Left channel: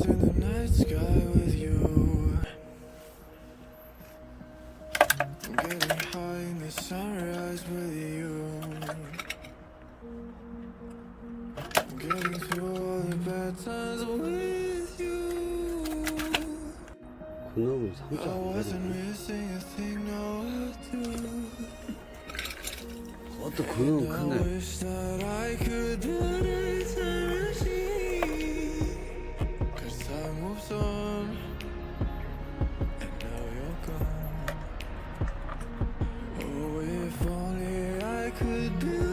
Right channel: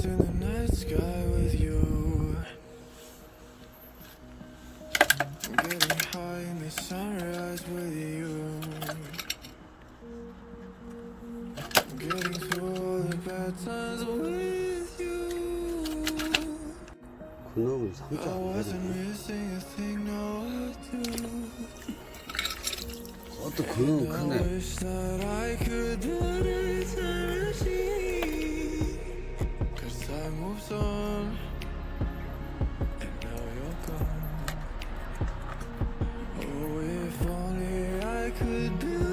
Diamonds in the night sky with you. I'm getting high in the sunrise with you. I'm getting through all the bad times with you. 근업은 3자 I 안 wasn't 되네. missing a thing, now I do. 그것도 근업은 I 크네. wish that I could build a time machine. Cause time moves on, and now you're gone. Oh, if only I could build